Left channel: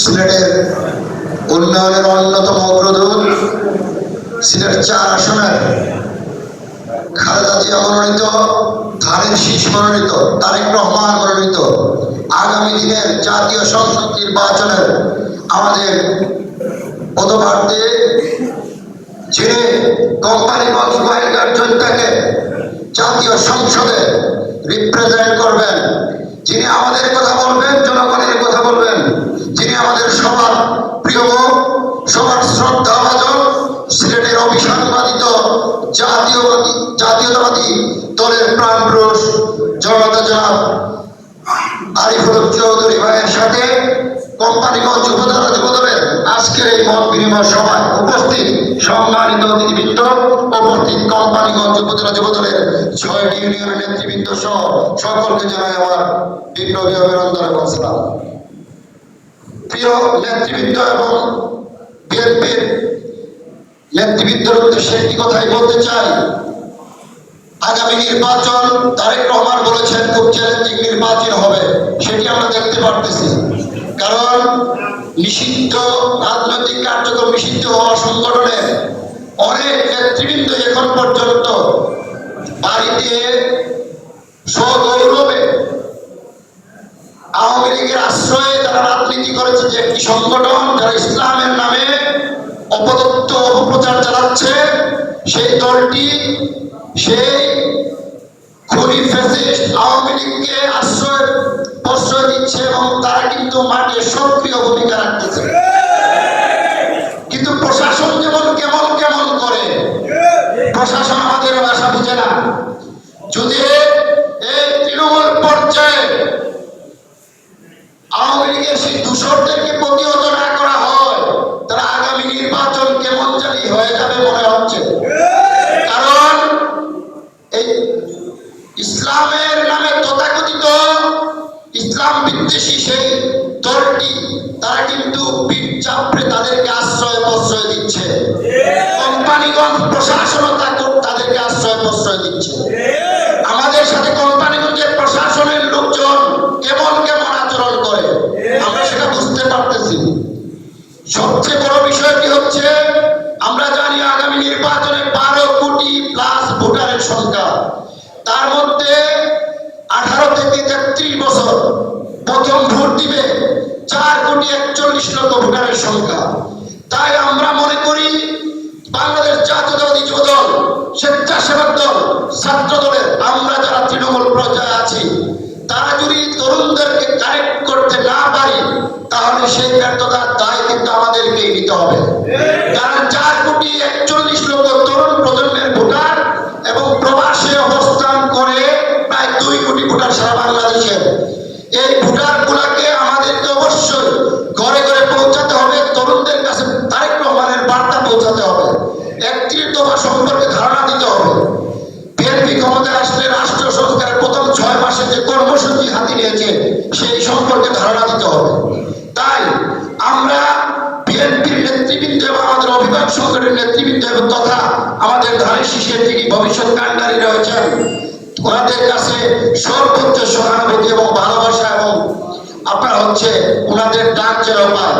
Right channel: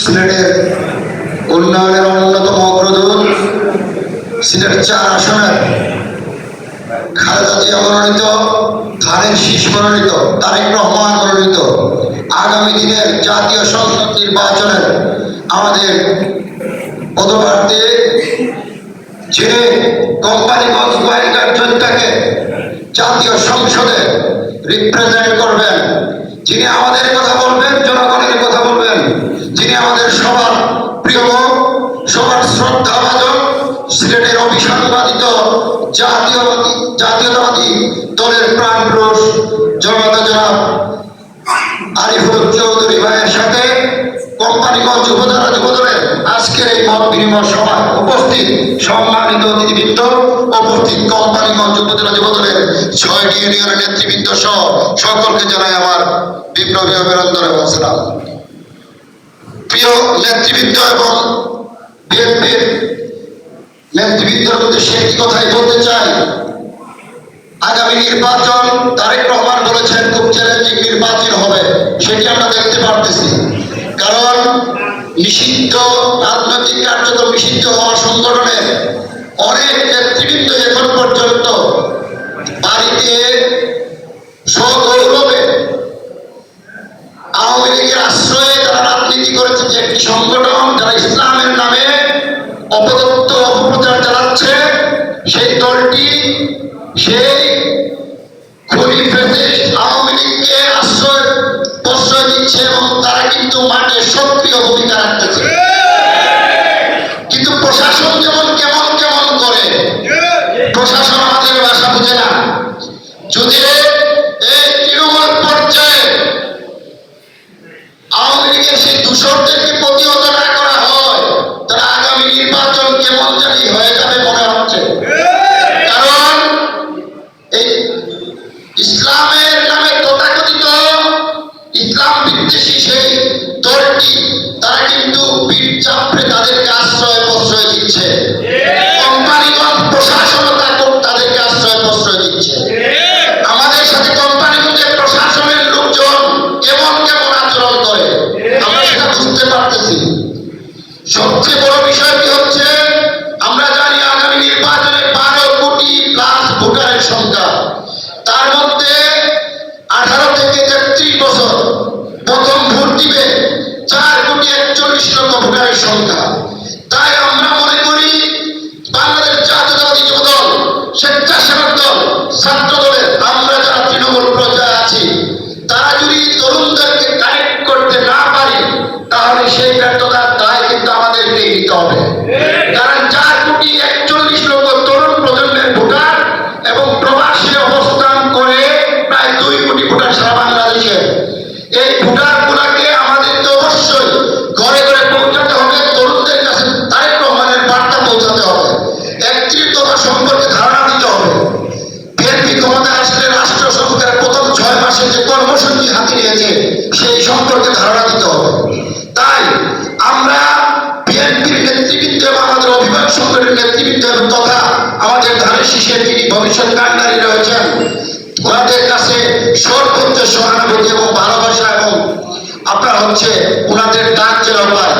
সিলেটের উন্নয়নের অন্যতম অগ্রদূত, সিলেট ৪ আসনের খালেদা জিয়া মনোনীত, ধানের শীষ মনোনীত, তারেক রহমান মনোনীত আগামী দিনের জাতীয় সংসদ নির্বাচনের আমাদের পদপ্রার্থী, যিনি কোম্পানিগঞ্জ গোয়েন্দার জনতাকে জাতীয় সংসদে রিপ্রেজেন্ট করবেন, যিনি আমাদের কথা বলবেন, জনগণের কথা বলবেন, যিনি আমাদের সবার প্রিয়, সবার শ্রদ্ধাভাজন, সিলেটের অভিসংবাদিত জাতীয়তাবাদী দলের প্রাণ পুরুষ জনতা জনাব আরিফুল চৌধুরী ভাইয়ের সাথে কোম্পানিগঞ্জ উপজেলা যুবদলের আজকের এই মত বিনিময় সভায় উপস্থিত সম্মানিত অতিথিবৃন্দ, উপস্থিত কোম্পানিগঞ্জ উপজেলা যুবদলের ৬টি ইউনিয়নের নেতৃবৃন্দ সহ সকলকে জানাই আমার বিপ্লবী অভিনন্দন এবং সালাম। প্রিয় নেতৃবৃন্দ এবং বিএনপির নেতৃবৃন্দের উদ্দেশ্যে একটি কথাই বলতে চাই। আগামী নির্বাচন তারেক রহমান বলেছেন খুব চ্যালেঞ্জিং নির্বাচন হবে, সেটি আমরা দেখতে পারতেছি। কারণ নিষিদ্ধ রাজনৈতিক কার্যক্রম নিষিদ্ধ হওয়া সংগঠনের অনেক নেতৃবৃন্দ এখন পর্যন্ত বাড়িতে সগৌরবে আওয়ামী লীগের আশ্রয়ে যারা রাজনীতি করেছে, যে একটি সংগঠন যারা ইসলামের নামে অপতথ্য অপপ্রচার চালাচ্ছে, সেই দলটি সেই খুনি ফ্যাসিস্ট আওয়ামী লীগকে প্রশ্রয় দিচ্ছে এবং তারা কিন্তু মাঠে সক্রিয় ভূমিকা রাখতেছে। কিন্তু প্রশাসন যেমন কেমন কেমন করে, প্রশাসন আমাদের ভাষা বুঝে না। যদি এই তৃণমূল পর্যায়ে আওয়ামী লীগের সেই দূষরদেরকে প্রতিহত না করা হয়, তারা আগামী নির্বাচন কেমন জানি হয়ে যাবে মনে হচ্ছে। কারণ এই ইসলামের নামে তথাকথিত ইসলাম বিদ্বেষী সেই দলটি তারা কিন্তু পিঠ চাপড়ে তাদেরকে আশ্রয় প্রশ্রয় দিচ্ছে। কোম্পানিগঞ্জ প্রশাসন তাদেরকে আশ্রয় প্রশ্রয় দিচ্ছে। আমাদের সাথে কোম্পানিগঞ্জের প্রশাসনের লোকজন কেমন কেমন আচরণ করে আমরা সেটা বুঝতে পারতেছি। সবচেয়ে বড় বিষয়টি হচ্ছে, আমরা জানি আগামী নির্বাচনে ১২ কোটি প্লাস ভোটারের সংখ্যা, তার মধ্যে 18 থেকে 33 বছর প্রথম ভোট দিবে 4,41,00,000 ভোটারের সংখ্যা। তাই আমরা মনে করি বাংলাদেশ জাতীয়তাবাদী যুবদল, স্বেচ্ছাসেবক দল, ছাত্র দলের আমরা যারা তৃণমূল পর্যায়ে আছি, তারা যদি তরুণদেরকে কানেক্ট করতে না পারি, তাহলে সেই ব্যর্থতার দায় কিন্তু আমাদেরকে নিতে হবে। কারণ 4,41,00,000 তরুণ প্রজন্মের ভোটার এবং প্রবাসে অবস্থান করে প্রায় 2 কোটি ভোটার সারা বাংলাদেশে। এই ভোটার গুলাকে আমাদেরকে অবশ্যই ঘরে ঘরে পৌঁছাতে হবে, তরুণদের কাছে তারেক রহমানের বার্তা পৌঁছাতে হবে, 31 দফা সম্পর্কে ধারণা দিতে হবে। বিএনপি ক্ষমতায় আসলে রাষ্ট্র সংস্কারের প্রথম 6 মাসে যে কর্মসূচি হাতে নিয়েছে সেই সম্পর্কে ধারণা দিতে হবে। তাই আমরা বিএনপির নেতৃবৃন্দ এবং আমাদের অভিভাবক সংগঠনের নেতৃবৃন্দের কথা আমাদের ধানের শীষের যিনি ভবিষ্যৎ কাণ্ডারী রয়েছেন, ওনাদের কাছে সর্বোচ্চ সহানুভূতি এবং ভালোবাসা এবং আপনার ওনাদের ডাক যেন পায়।